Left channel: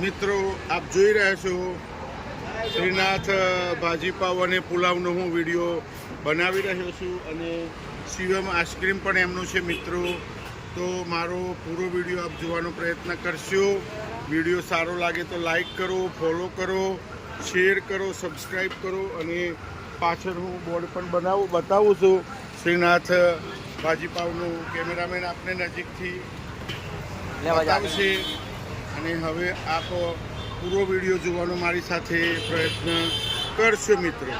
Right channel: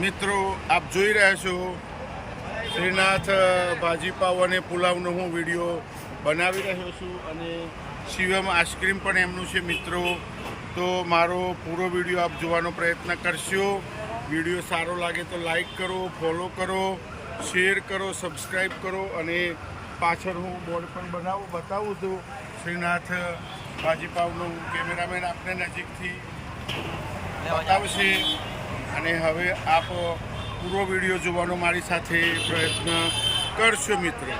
મિત્રો આપ જોઈ રહ્યા છો શ્રીનાથ ભાજીપાવ અને પુલાવનો હું વિડીયો બનાવી રહ્યો છું અને શિવમ આઈસ્ક્રીમ પણ એમનું છે મિત્રો. તો મારો પૂરો વિડીયો આપ જોવાનો પ્રયત્ન કરશો. વિડીયો સારો લાગે તો લાઈક કરો, ફોલો કરો, શેર કરો, સબસ્ક્રાઈબ કરો અને પાછળ હું બોર્ડ પણ બતાવું છું શ્રીનાથ ભાજીપાવનું. કેમેરામેન આપને નજીકથી બતાવશે અને હવે આપ પૂરો વિડીયો જોવાનો મારી સાથે પ્રયત્ન કરશો મિત્રો.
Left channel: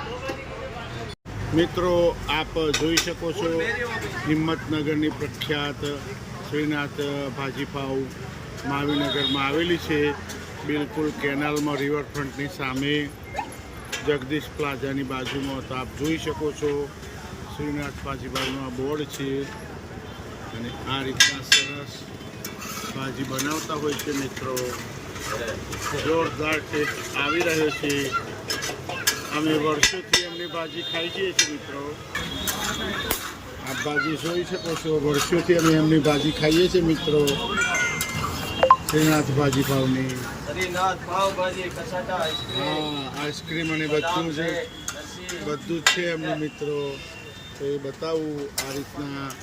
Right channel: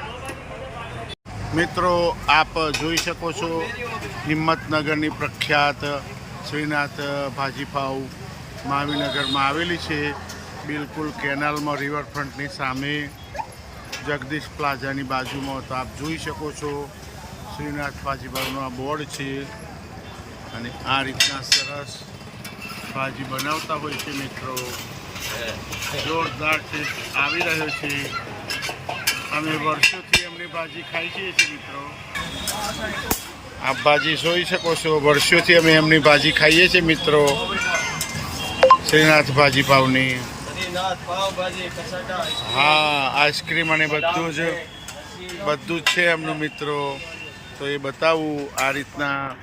આપ જોઈ શકો છો હિંમતનગરની પ્રખ્યાત શ્રીનાથ ભાજીપાવ મહાવીનગરમાં આવેલી છે. બિલકુલ કેનાલમાં રિવરફ્રન્ટની સામે જગદીશ પ્લાઝાની બાજુમાં. તો આપ જોઈ શકો છો શ્રીનાથ ભાજીપાવનું આ બોર્ડ છે અને આ રીતના સરસ ભાજી બનાવતા હોય છે મિત્રો. જોરદાર ટેસ્ટ આવી રહ્યો છે. અમે વર્ષોથી એમની ભાજી ખાઈ છીએ મિત્રો. આપ ભાજી જોઈ શકો છો, વર્ષોથી અમે એમની ભાજી ખાઈએ છીએ મિત્રો. શ્રીનાથ ભાજીપાવની હા આઈસ્ક્રીમ અને બધું જ છે એમનું મિત્રો. તો એ બતાવું. આ રીતના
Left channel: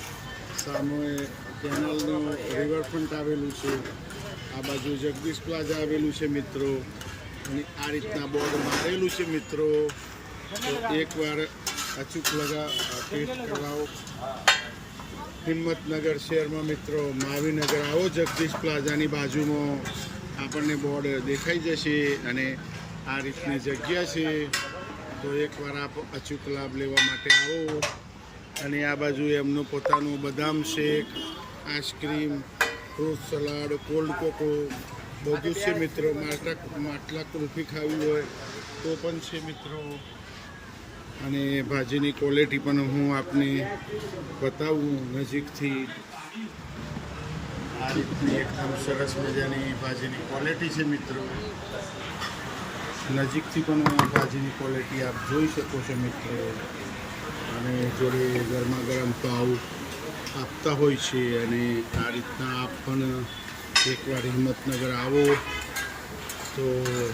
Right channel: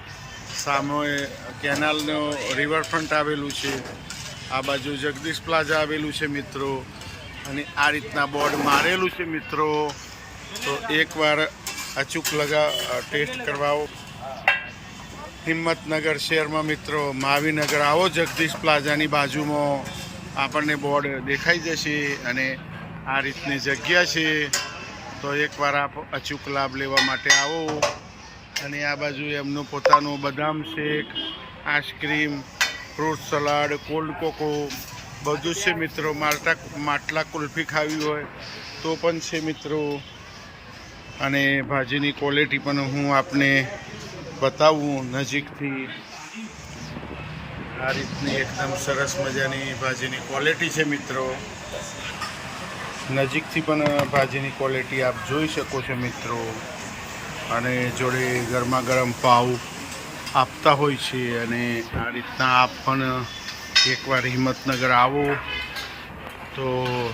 સામે કેનાલનો રિવરફ્રન્ટ આવેલું છે, આ બાજુ જગદીશ પ્લાઝા આવેલું છે મિત્રો અને આ રીતના બોર્ડ મારેલું છે મિત્રો. તો એકવાર અચૂક ટેસ્ટ કરવાઓ. હિંમતનગર શહેરમાં મિત્રો મહાવીનગર આવો, જગદીશ પ્લાઝાની બાજુમાં આપણને બોર્ડ દેખાઈ જશે અને આ રીતની જગ્યા છે. તો એકવાર આપ અચૂક લાભ લેવા માટે આવો. અને આ બાજુ એમનું પોતાનું બદામ shake, ice cream, fruit salad, cold cocoa બધું છે મિત્રો. માટલા કુલ્ફી ખાવી હોય તો પણ છે મિત્રો. અને ભાજીની ક્વોલિટી પણ હું આપને બતાવું નજીકથી. આ રીતની એકદમ સરસ મજાની ભાજીની ક્વોલિટી છે મિત્રો. નજીકથી પણ ભાજીની ક્વોલિટી આપ જોઈ શકો છો મિત્રો. અને જોડે ગરમા ગરમ પાવ આપતા હોય છે. અને આ રીતના આપ પણ એકવાર હિંમતનગર આવો તો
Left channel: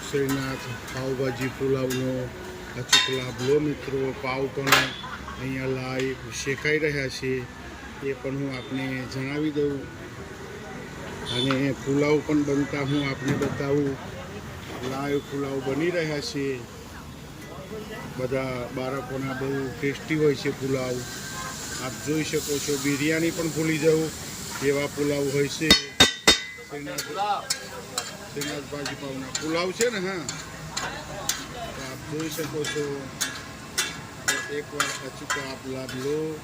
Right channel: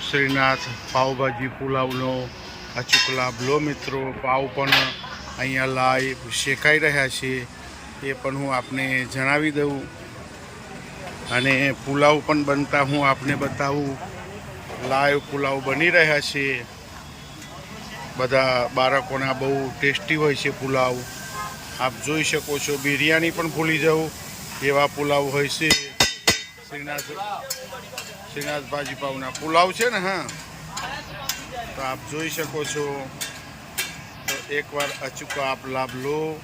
શ્રીનાથ પાવભાજી પુલાવનો અચૂક લાભ લો મિત્રો. પાવ પણ અહીંયા લાઈવ શેકાઈ રહ્યા છે એ પણ હું આપને જણાવી દઉં. અને પુલાવ પણ બનતા હું આપને બતાવું. લાઈવ પુલાવ બની રહ્યા છે. બધા બાળકોના બહુ ટેસ્ટી હોય છે પુલાવ. આપ જોઈ શકો છો. બિરયાની પણ ભૂલી જાઉં એવા પુલાવ હોય છે. શ્રીનાથ ભાજીપાવના પુલાવ છે ને. હા, તો આપ જોઈ શકો છો. તો એકવાર અચૂક આપ લાભ લો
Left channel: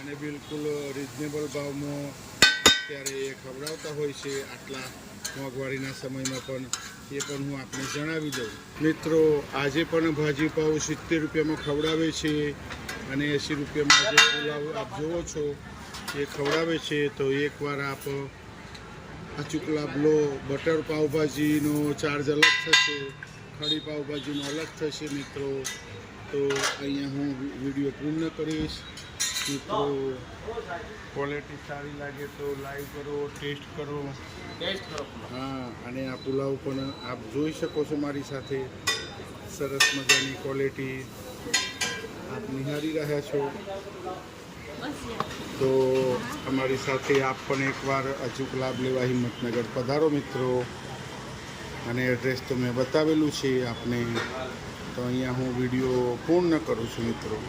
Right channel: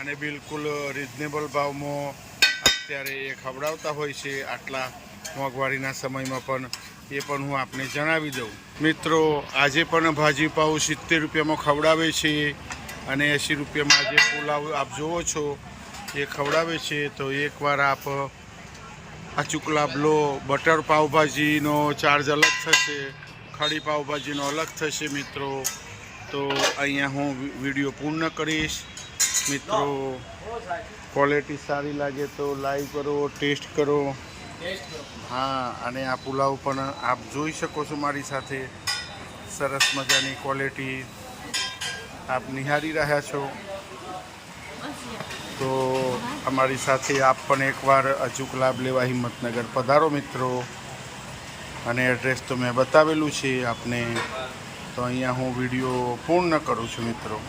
અને બિલકુલ રિઝનેબલ ભાવમાં અત્યારે એ ખવડાવતા હોય છે. આટલા મોંઘવારીના સમયમાં પણ એ પણ હું આપને જણાવી દઉં મિત્રો. આજે પણ ભાજીપાવ 70 રૂપિયામાં ખવડાવે છે અને 80 રૂપિયામાં જે પુલાવ આપ જુઓ છો એ ખવડાવે છે. તો એકવાર આપ અચૂક લાભ લો. બટર પાવભાજીનો ચાર્જ અલગ થશે, ખડી પાવભાજીનો અલગ થશે મિત્રો. તો અહીંયા હું વિડીયો પૂર્ણ કરીશ મિત્રો. ક્વોલિટી સારી લાગે તો લાઈક કરો, ટેસ્ટ કરો. હા, અને આ પુલાવ પણ આપ જોઈ શકો છો મારી સાથે. સરસ મજાની ક્વોલિટી આપ નિહાળી રહ્યા છો. તો અમારી સાથે આપ પણ એકવાર અચૂક લાભ લેવા હિંમતનગર પધારો મિત્રો. અને એડ્રેસ તો મેં બતાવેલું છે આપને. તો અહીંયા હું વિડીયો પૂર્ણ કરું છું મિત્રો.